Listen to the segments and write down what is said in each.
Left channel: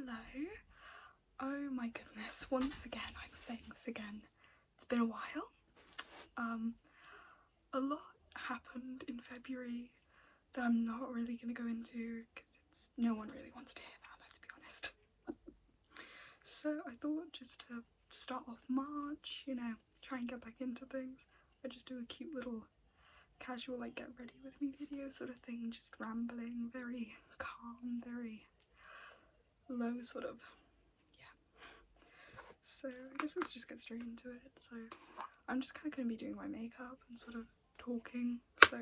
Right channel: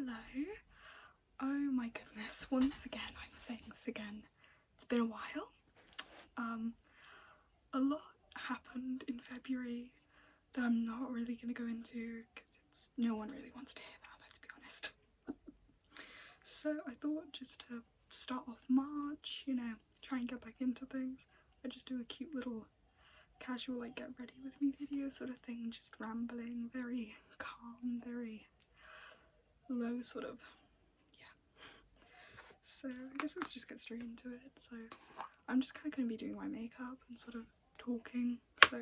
Hello. Oh my goodness, once again, I'm saying this again. It's been a while. A lot happened in February that I'm not really going to go into because no one really wants to hear that, let's be honest. So I thought just to start off March, you know, try and get back into things, I just do a cute little casual like get ready with me video sort of thing, just rambling, very calm, very low sort of, yeah. So I guess let's just get straight into it. So I'm just kind of going to be doing my makeup and sort of talking. So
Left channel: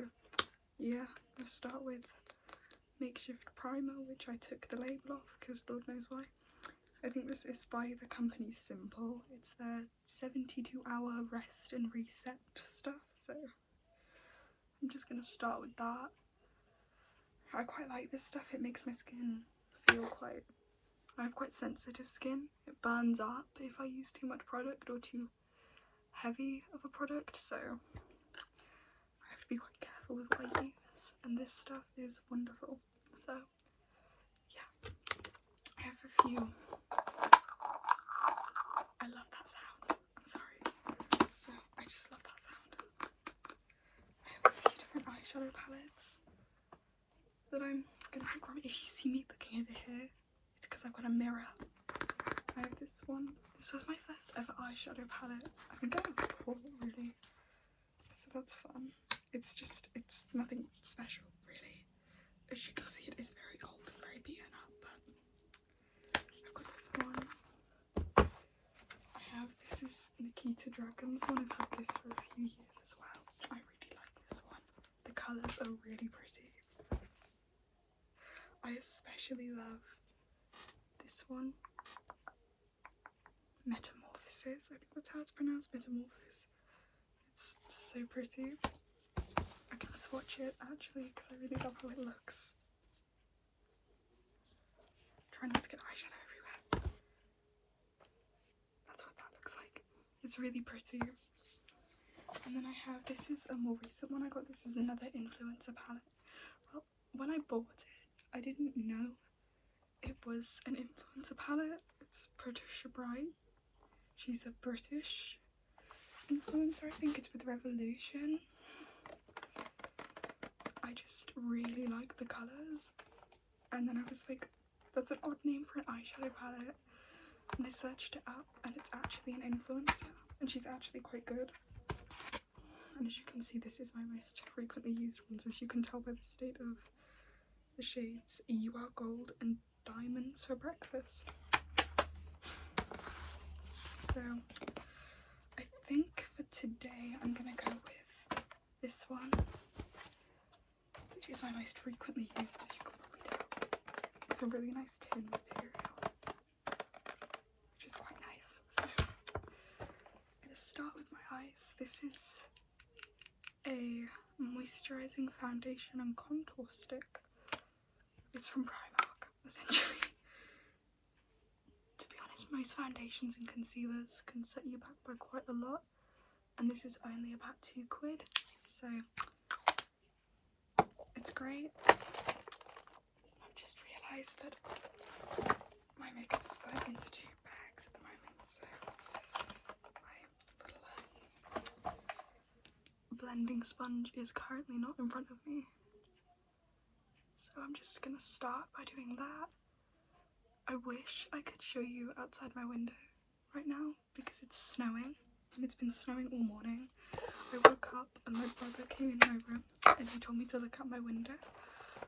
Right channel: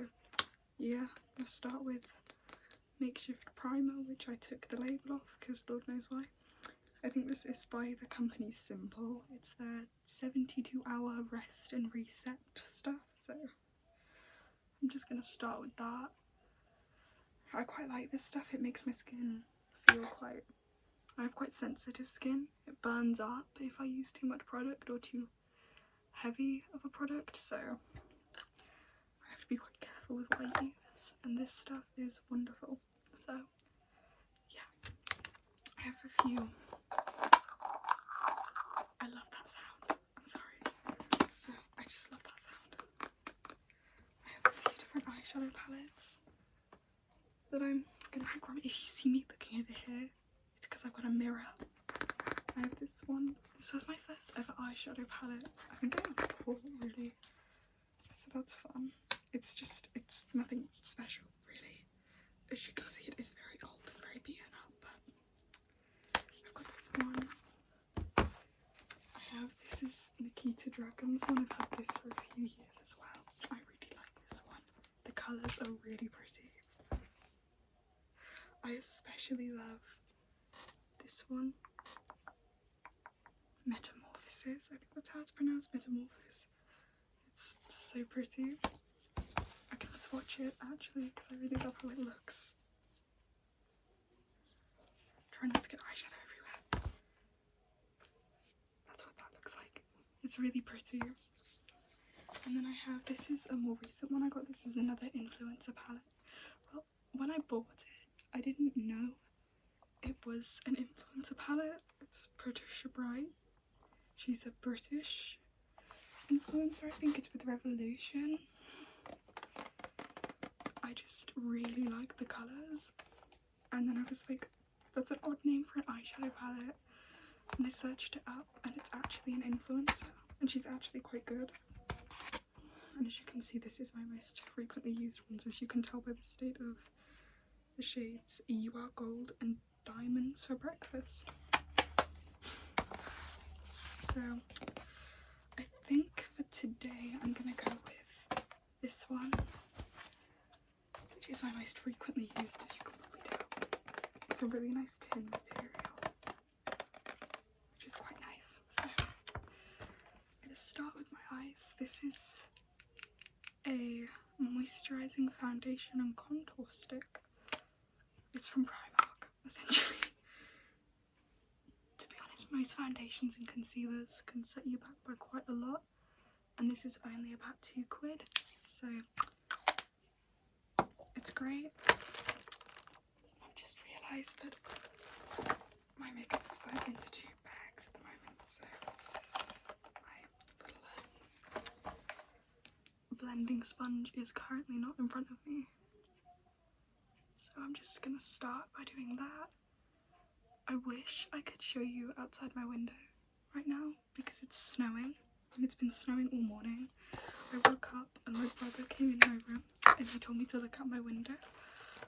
yeah, let's start with makeshift primer, which I took the label off because Lord knows why. I think this is by the company Simple. It's their 72-hour rest and reset stuff, so I'm just going to start with that. I quite like this stuff. It makes my skin feel quite... I have quite sensitive skin. It burns up if I use too much product or too heavy of a product, so I have to be quite careful with what I use. And this stuff is wonderful. So yeah, I have a few... I love that sound. I'm sorry. So I just love that sound. I have a few different eyeshadow palettes that I'm gonna pick from. If you see me looking over here, it's because I've got a mirror. I have this one. This was my first ever eyeshadow palette. I think I bought it really. So that's fun. It's nothing special really. As you can see, it is very old and very beaten up, but I've got this one. This is Nikita Dragon's one. I've had this for a few years as well. I really like this one. The colours are really pretty. I especially love this one. Metamorphosis. I think that's how it's pronounced. Metamorphosis. It's so pretty. I can swatch it actually because I really love how it looks. Try not to get eyeshadow everywhere. That's what that looks like. It's really pretty. And then I have, this is a more recent one I got. This is another influencer palette. Well, when I bought it, I didn't know it was an influencer palette. It's Patricia Bright. She's a British influencer. I think it's with Revolution. I just really like the colours. And then I was like, that's an odd name for an eyeshadow palette. And I searched it up and it's actually an influencer and she's actually quite good. And as you can see, this is my most frequently used ones, as you can tell by the state of the shades You Are Gold and Diamonds for Breakfast. So I think for today I'm gonna go with this one, which is my most frequently used, as you can probably tell. It's a really nice tin material. Start with my eyes. This is a moisturizing foundation and contour stick. It's from Primark, essentially. To be honest, most foundations and concealers can set you back by quite a lot, and this is only about £2, so it's great. I've just realised that my makeup's split into two bags at the moment, so blending sponge is currently not in front of me, so I'm just gonna start by doing that. I wish I could show you outside my window right now because it's snowing and it's been snowing all morning. I woke up and my brother came in my room and he told me to look out my window,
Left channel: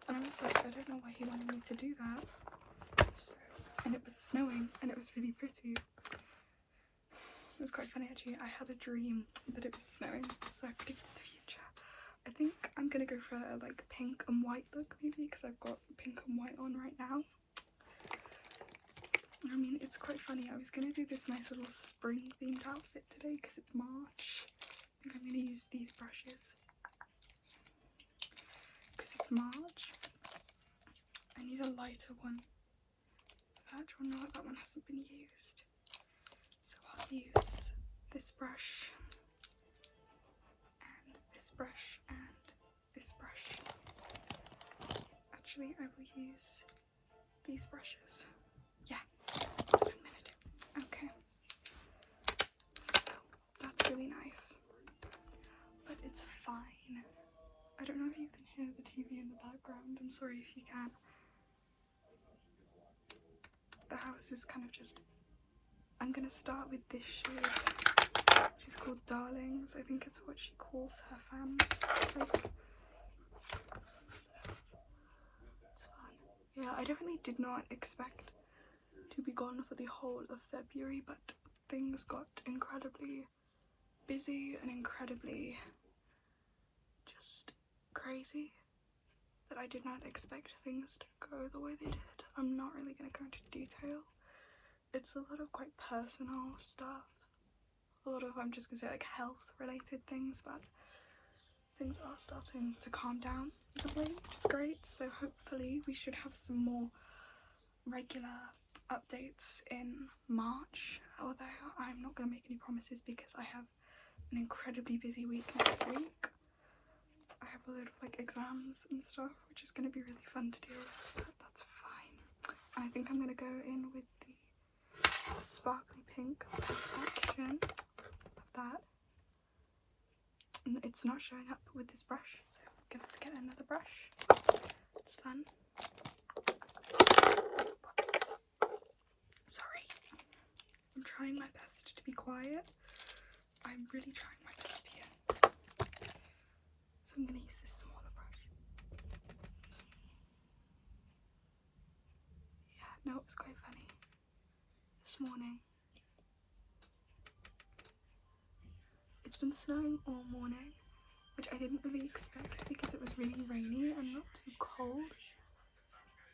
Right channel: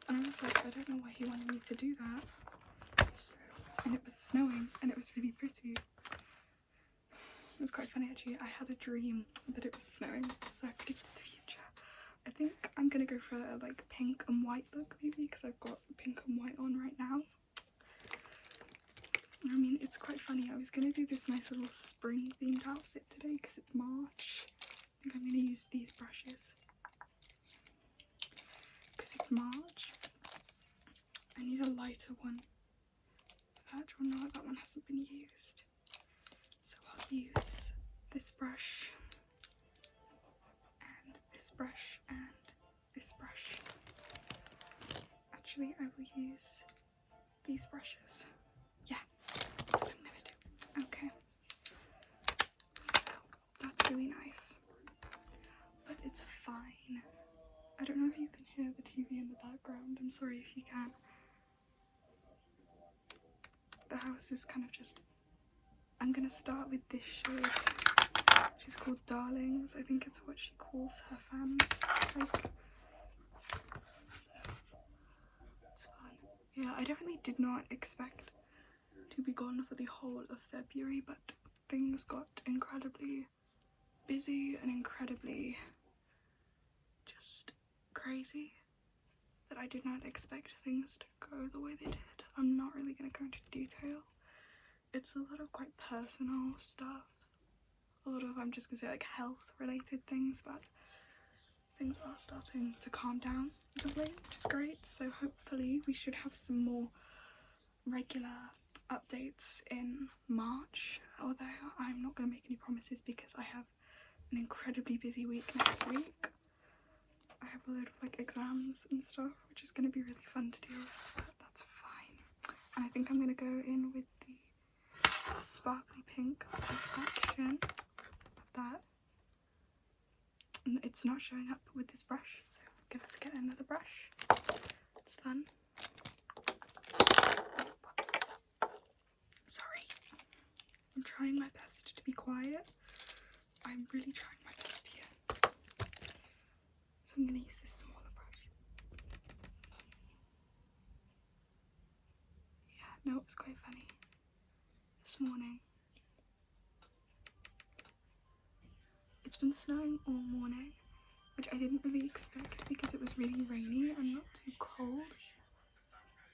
and I was like, I don't know why he wanted me to do that. So, and it was snowing and it was really pretty. It was quite funny actually. I had a dream that it was snowing, so I predicted the future. I think I'm gonna go for a like pink and white look maybe, because I've got pink and white on right now. I mean, it's quite funny. I was gonna do this nice little spring themed outfit today because it's March. I think I'm gonna use these brushes because it's March. I need a lighter one. That one, no, that one hasn't been used. So I'll use this brush and this brush and this brush. Actually, I will use these brushes. Yeah, I'm sorry if you can. The house is kind of just... I'm gonna start with this shade. She's called Darlings. I think it's what she calls her fans. Like, so, it's fun. Yeah, I definitely did not expect to be gone for the whole of February, but things got incredibly busy and incredibly just crazy that I did not expect things to go the way they did. I'm not really going to go into detail. It's a lot of quite personal stuff. A lot of, I'm just going to say, like, health related things, but things are starting to calm down of late, which is great. So hopefully we should have some more regular updates in March, although I'm not going to make any promises because I have an incredibly busy week next week. I have a load of like exams and stuff, which is going to be really fun to deal with, but that's fine. And I think I'm going to go in with the sparkly pink perfection of that. And it's not showing up with this brush, so I'm going to have to get another brush. It's fun. Whoops. Sorry. I'm trying my best to be quiet. I'm really trying my best here. So I'm going to use this smaller brush. Yeah, no, it was quite funny. This morning, it's been snowing all morning, which I didn't really expect because it was really rainy and not too cold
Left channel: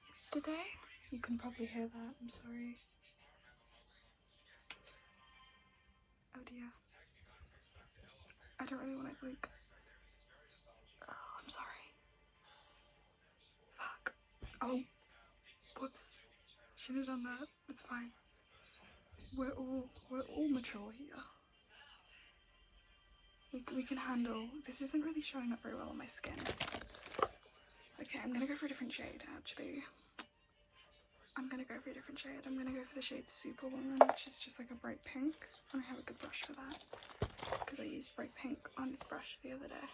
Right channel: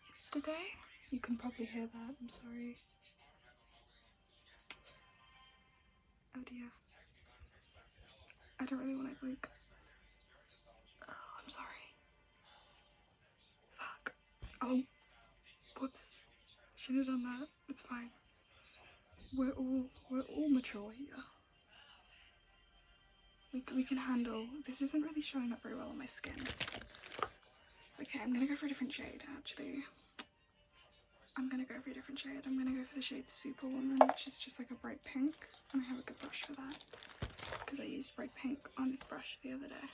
yesterday. You can probably hear that, I'm sorry. Oh dear. I don't really want to, like... Oh, I'm sorry. Fuck. Oh. Whoops. Should have done that. It's fine. We're all mature here. We can handle... This isn't really showing up very well on my skin. Okay, I'm gonna go for a different shade, actually. I'm gonna go for a different shade. I'm gonna go for the shade Superwoman, which is just like a bright pink. And I have a good brush for that, because I used bright pink on this brush the other day.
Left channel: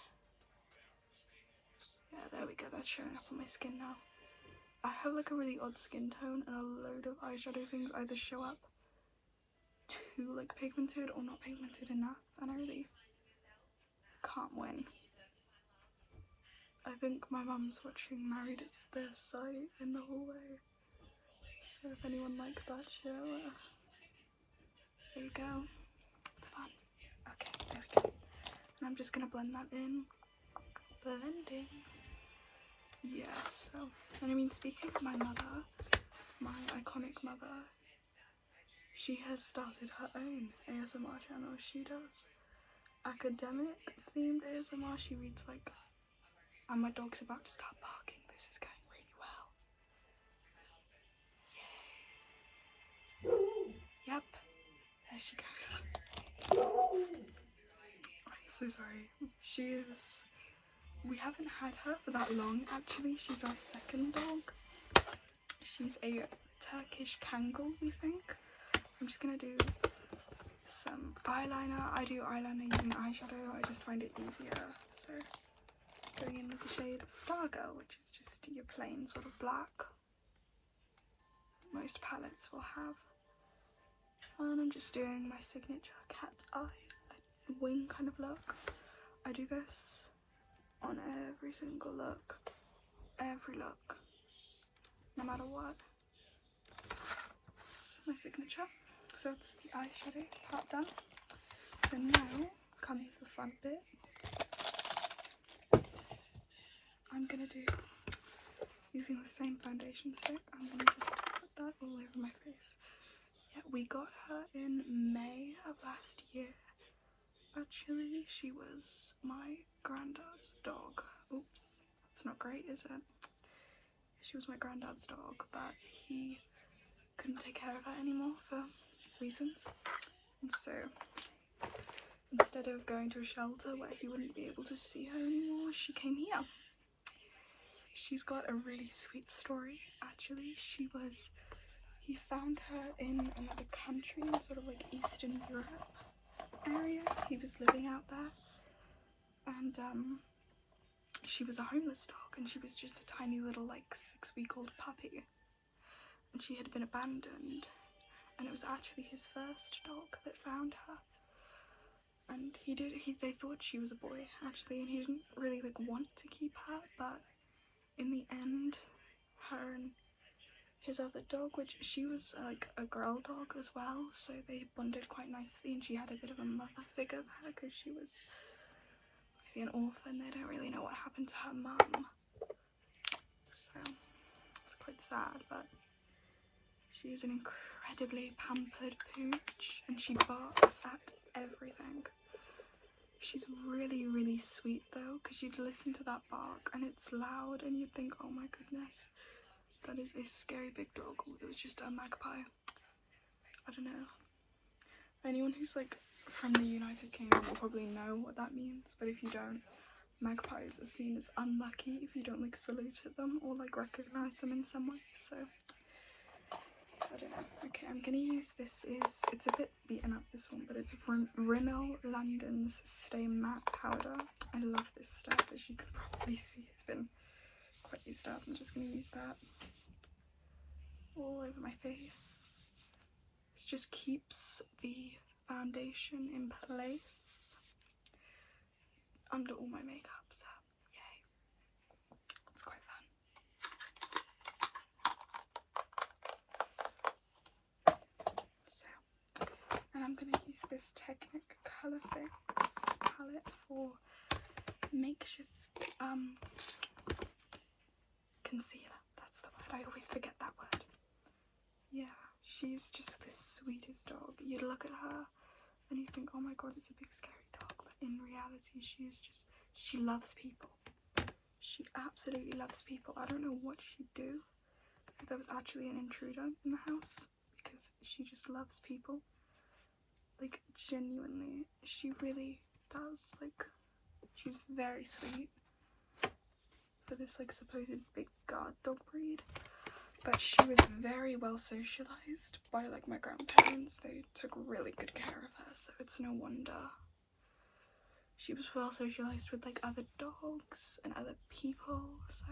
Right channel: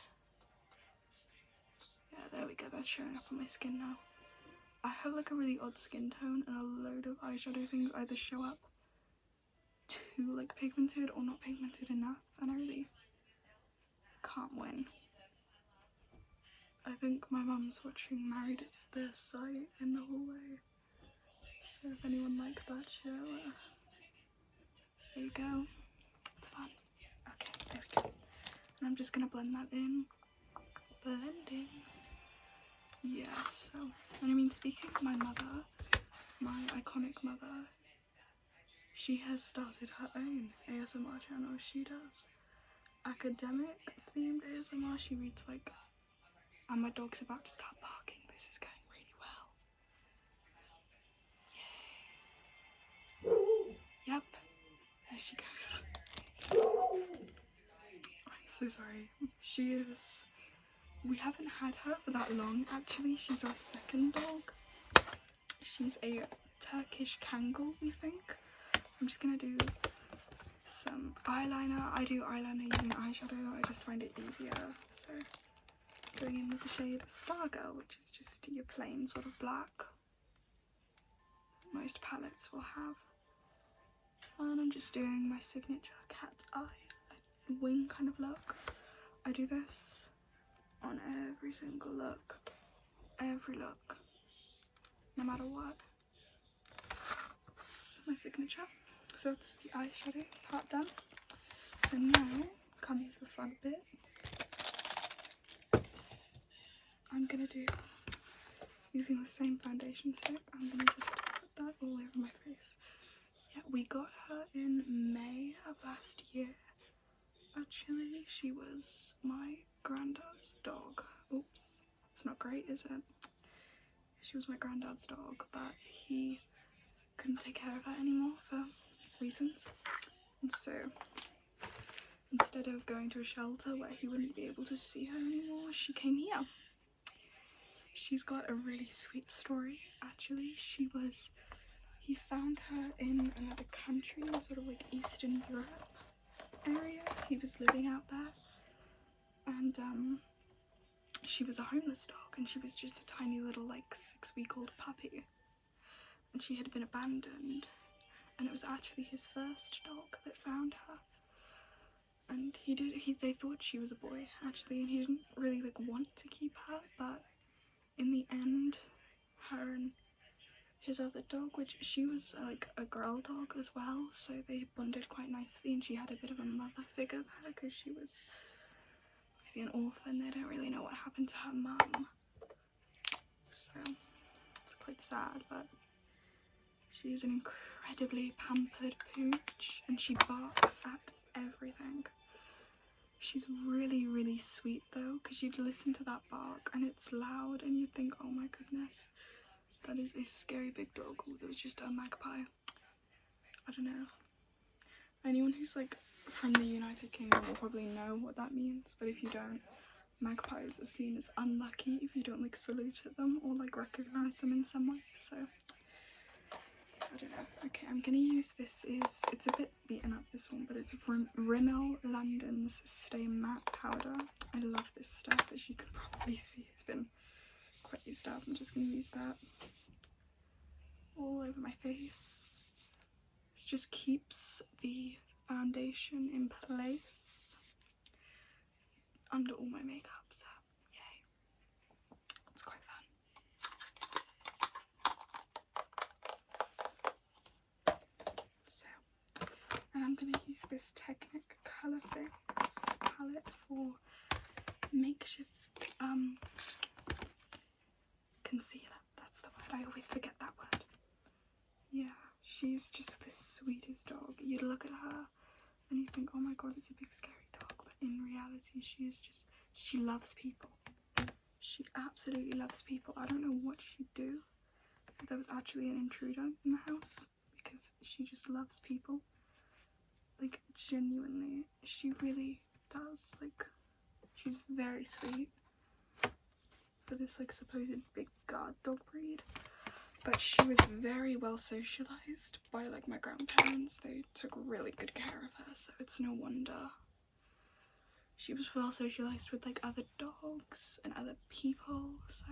Yeah, there we go. That's showing up on my skin now. I have like a really odd skin tone, and a load of eyeshadow things either show up too like pigmented or not pigmented enough, and I really can't win. I think my mum's watching Married at First Sight in the hallway, so if anyone likes that show, there you go. It's fun. Okay, there we go. And I'm just gonna blend that in. Blending. Yeah, so, and I mean, speaking of my mother, my iconic mother, she has started her own ASMR channel. She does academic themed ASMR. She reads like, and my dog's about to start barking. This is going really well. Yay. Yep, there she goes. I'm so sorry. She is, we haven't had her for that long actually. She's our second dog. She's a Turkish Kangal, we think. I'm just gonna do some eyeliner. I do eyeliner using eyeshadow. I just find it easier. So going in with the shade Stargirl, which is just your plain sort of black most palettes will have. And I'm just doing my signature cat eye, wing kind of look. I do this on every single look, every look, no matter what. It's my signature. So that's the eyeshadow part done. So now comes the fun bit. I'm gonna do, using the same foundation stick, I'm gonna just put that all over my face. Yeah, we got her in May of last year. Actually, she was my granddad's dog. Oops, that's not great, is it? She was my granddad's dog, but he couldn't take care of her anymore for reasons. And so, instead of going to a shelter where he wouldn't be able to see her anymore, she came here. She's got a really sweet story, actually. He found her in another country, in sort of like Eastern Europe area. He was living out there, and she was a homeless dog, and she was just a tiny little like 6-week-old puppy, and she had been abandoned, and it was actually his first dog that found her. And they thought she was a boy actually, and he didn't really like want to keep her, but in the end, her and his other dog, which she was like a girl dog as well, so they bonded quite nicely, and she had a bit of a mother figure there because she was obviously an orphan. They don't really know what happened to her mum, so it's quite sad, but she is an incredibly pampered pooch, and she barks at everything. She's really, really sweet though, because you'd listen to that bark and it's loud and you'd think, oh my goodness, that is a scary big dog. Oh, there was just a magpie. I don't know. Anyone who's like from the United Kingdom will probably know what that means, but if you don't, magpies are seen as unlucky if you don't like salute at them or like recognize them in some way, so I don't know. Okay, I'm gonna use this. It's a bit beaten up, this one, but it's Rimmel London's Stay Matte Powder. I love this stuff, as you can probably see. It's been quite used up. I'm just gonna use that all over my face. This just keeps the foundation in place under all my makeup, so yay. It's quite fun. And I'm going to use this Technic Colour Fix palette for makeshift concealer. That's the word. I always forget that word. Yeah, she's just the sweetest dog. You'd look at her and you think, oh my god, it's a big scary dog. But in reality, she loves people. She absolutely loves people. I don't know what she'd do if there was actually an intruder in the house, because she just loves people. Like, genuinely, she really does. Like, she's very sweet for this like supposed big guard dog breed, but she was very well socialized by like my grandparents. They took really good care of her, so it's no wonder she was well socialized with like other dogs and other people, so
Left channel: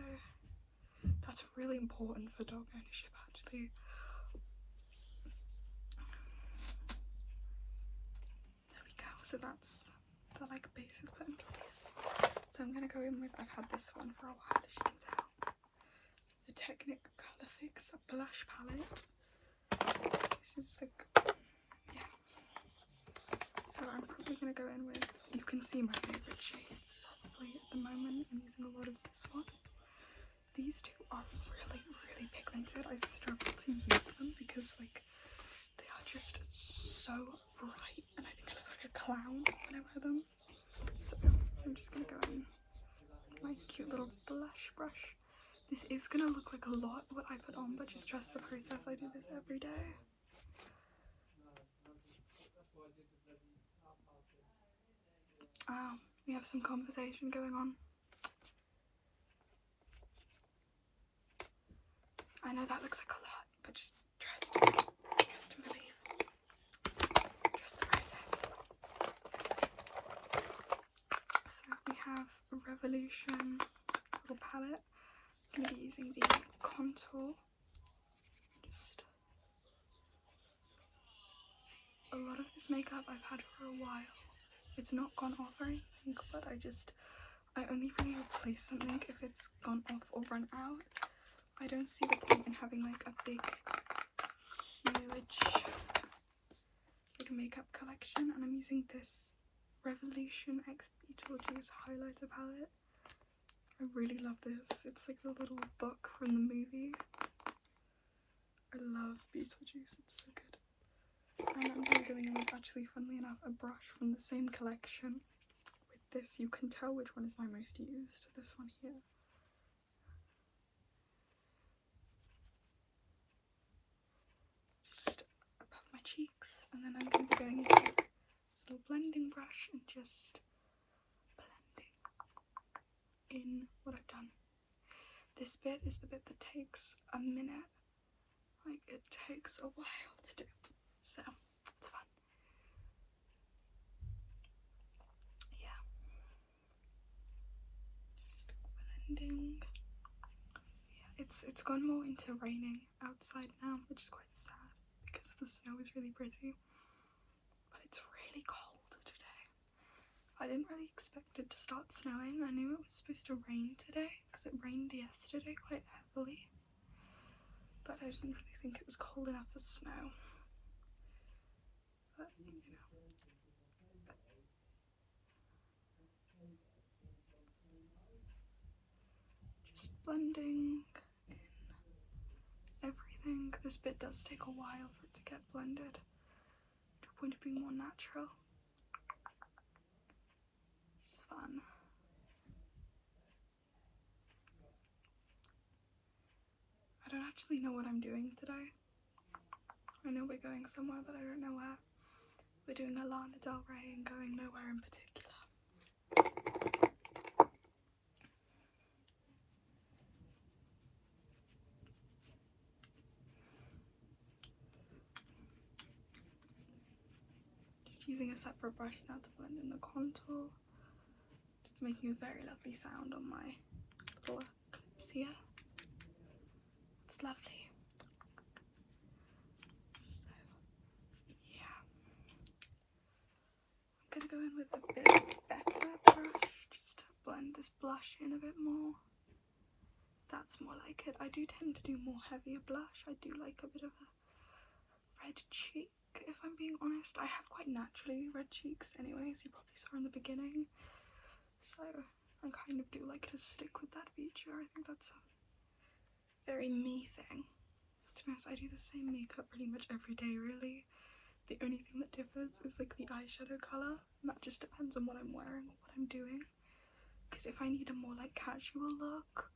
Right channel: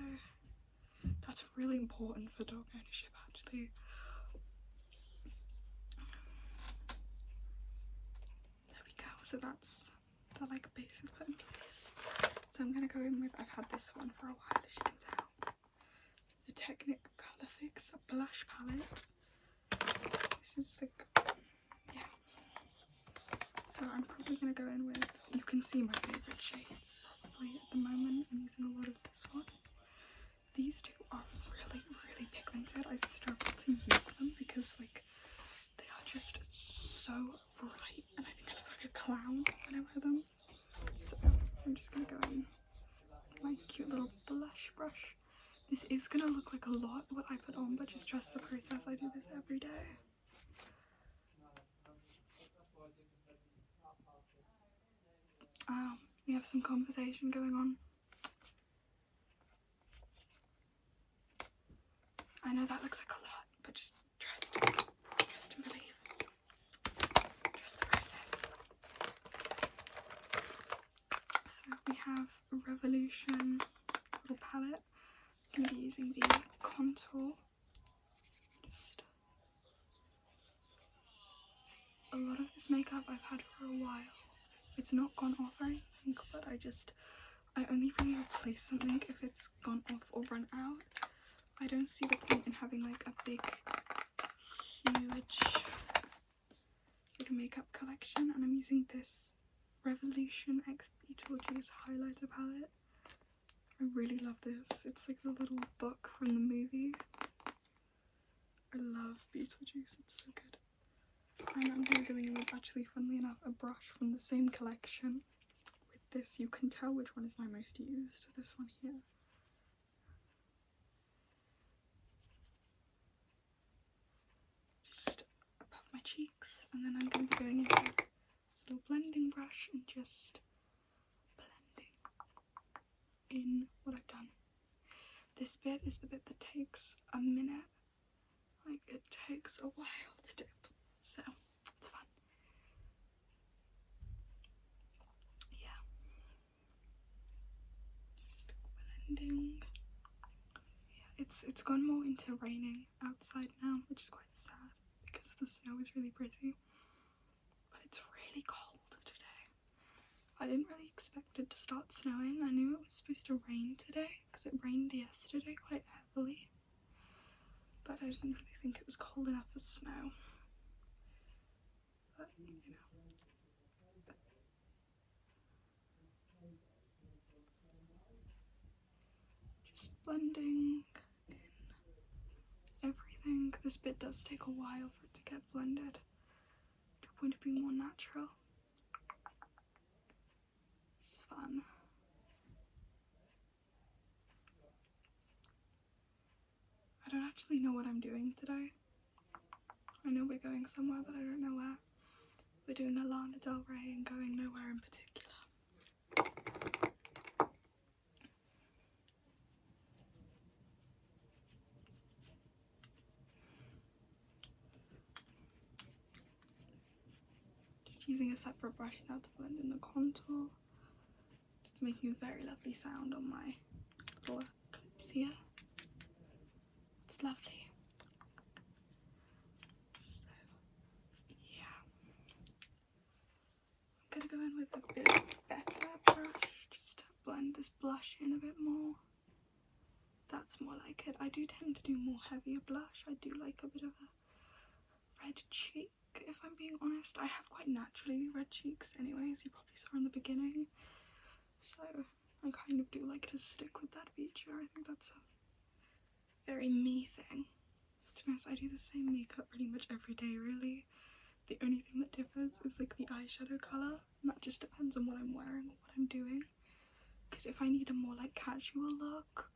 that's really important for dog ownership actually. So that's the like base is put in place. So I'm gonna go in with, I've had this one for a while, as you can tell, the Technic Colour Fix blush palette. This is like, yeah. So I'm probably gonna go in with, you can see my favourite shades probably at the moment. I'm using a lot of this one. These two are really, really pigmented. I struggle to use them because like they are just so bright, and I think I look like a clown when I wear them. So I'm just gonna go in with my cute little blush brush. This is gonna look like a lot what I put on, but just trust the process. I do this every day. We have some conversation going on. I know that looks like a lot, but just trust and believe. Trust the process. So we have Revolution little palette. I'm going to be using the contour. Just a lot of this makeup I've had for a while. It's not gone off or anything, but I only really replace something if it's gone off or run out. I don't see the point in having like a big, huge like makeup collection, and I'm using this Revolution X Beetlejuice highlighter palette. I really love this. It's like the little book from the movie. I love Beetlejuice, it's so good. And I'm going to be going in with, actually, funnily enough, a brush from the same collection. With this, you can tell which one is my most used. This one here. Just above my cheeks, and then I'm going to be going into this little blending brush and just blending in what I've done. This bit is the bit that takes a minute. Like, it takes a while to do, so it's fun. Yeah. Just blending. Yeah, it's gone more into raining outside now, which is quite sad because the snow is really pretty. But it's really cold today. I didn't really expect it to start snowing. I knew it was supposed to rain today because it rained yesterday quite heavily. But I didn't really think it was cold enough for snow. But, you know. Just blending in everything. This bit does take a while for it to get blended to a point of being more natural. It's fun. I don't actually know what I'm doing today. I know we're going somewhere, but I don't know where. We're doing a Lana Del Rey and going nowhere in particular. Just using a separate brush now to blend in the contour. Just making a very lovely sound on my little clips here. It's lovely. So, yeah. I'm gonna go in with a bit better brush just to blend this blush in a bit more. That's more like it. I do tend to do more heavier blush. I do like a bit of a red cheek, if I'm being honest. I have quite naturally red cheeks anyway, as you probably saw in the beginning. So I kind of do like to stick with that feature. I think that's a very me thing. To be honest, I do the same makeup pretty much every day, really. The only thing that differs is like the eyeshadow colour, and that just depends on what I'm wearing or what I'm doing. Because if I need a more like casual look,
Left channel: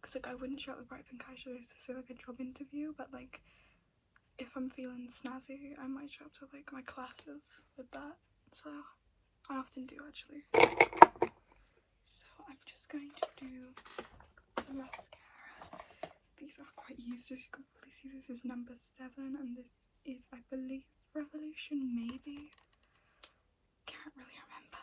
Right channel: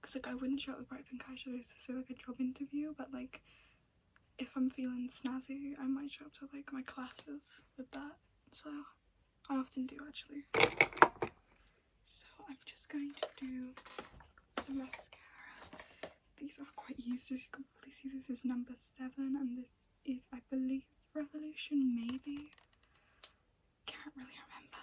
because like I wouldn't show up with bright pink eyeshadows to say like a job interview, but like if I'm feeling snazzy, I might show up to like my classes with that. So I often do actually. So I'm just going to do some mascara. These are quite used, as you can probably see. This is number 7 and this is, I believe, Revolution, maybe. Can't really remember.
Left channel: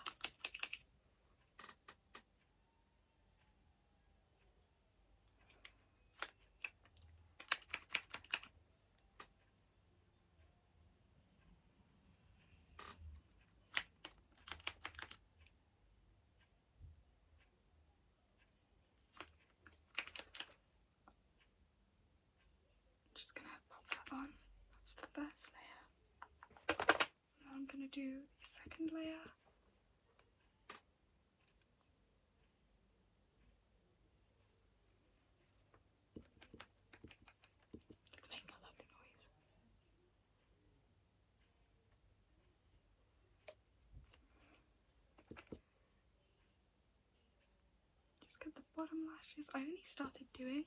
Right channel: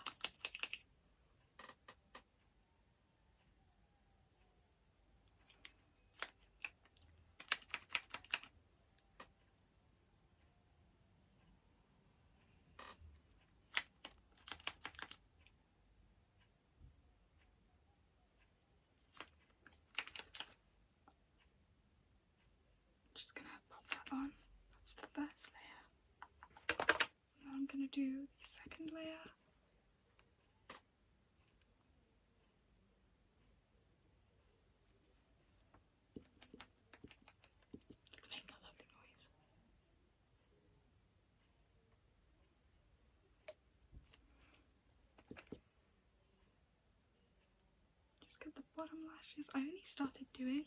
Just gonna pop that on. That's the first layer. Now I'm gonna do the second layer. Let's make a lovely noise. Just get the bottom lashes. I only started doing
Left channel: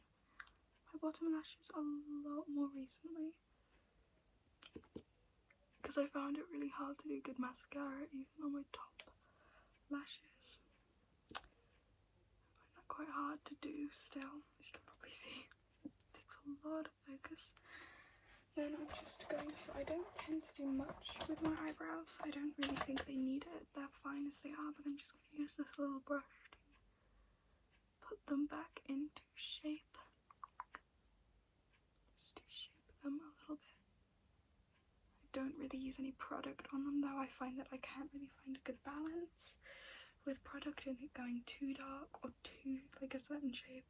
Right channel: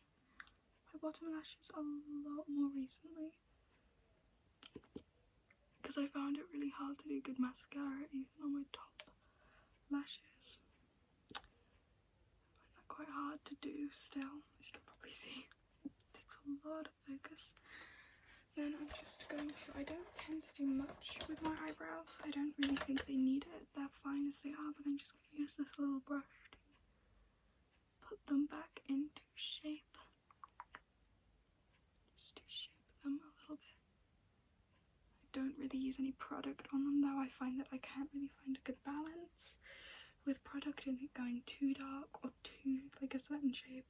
my bottom lashes a lot more recently because I found it really hard to do good mascara even on my top lashes. I find that quite hard to do still, as you can probably see. It takes a lot of focus. Then I'm just going to, I don't tend to do much with my eyebrows. I don't really think they need it. They're fine as they are, but I'm just going to use this little brush to put them back into shape. Just to shape them a little bit. I don't really use any product on them though. I find that I can't really find a good balance with product and it going too dark or too like a certain shape.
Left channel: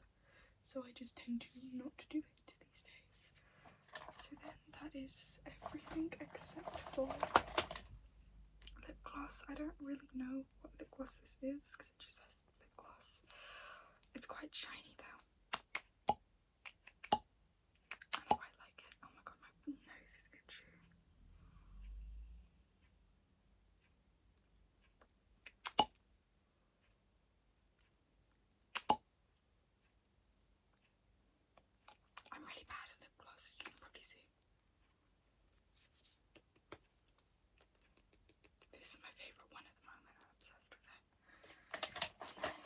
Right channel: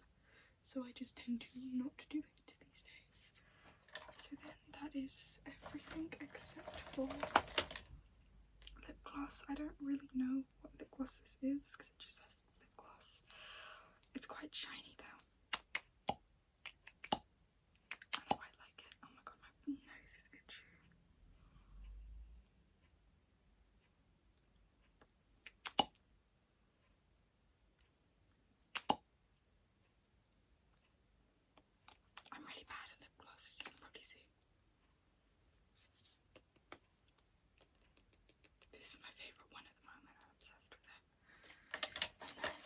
So I just tend to not do it these days. So then that is everything except for lip gloss. I don't really know what lip gloss this is because it just says lip gloss. It's quite shiny though. And I quite like it. Oh my god, my nose is itchy. I'm really bad at lip gloss, you can probably see. This is my favourite one at the moment, I'm obsessed with it. And then,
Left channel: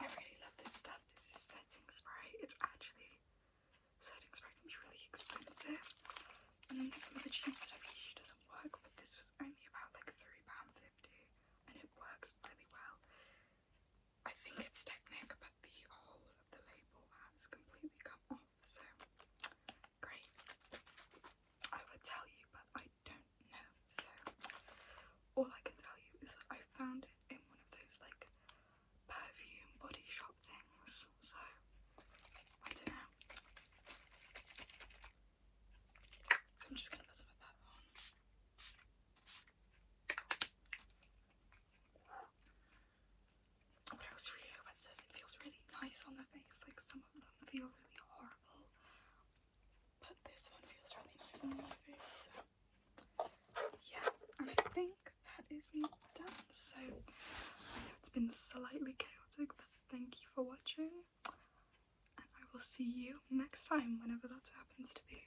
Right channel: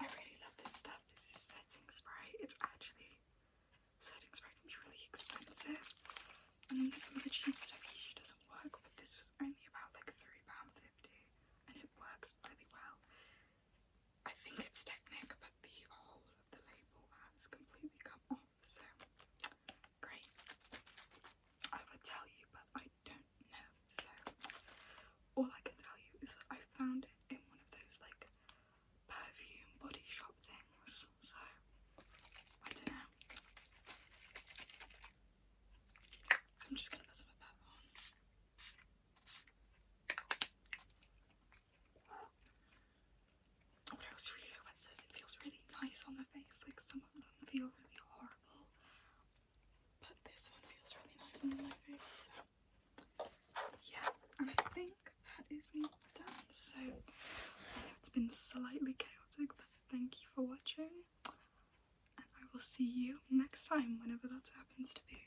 I really love this stuff. This is setting spray. It's actually, setting spray can be really expensive. And then some of the cheap stuff usually doesn't work, but this was only about like £3.50 and it works really well. I think it's Technic, but the whole of I'm just gonna put some of that on. What else really says it feels really nice on the face. Like some of them feel really horrible, but this one feels really nice on my face. So yeah, and I think that is me done. So I know it's been slightly chaotic, but thank you for watching, and I will see you next time, whenever that happens to be.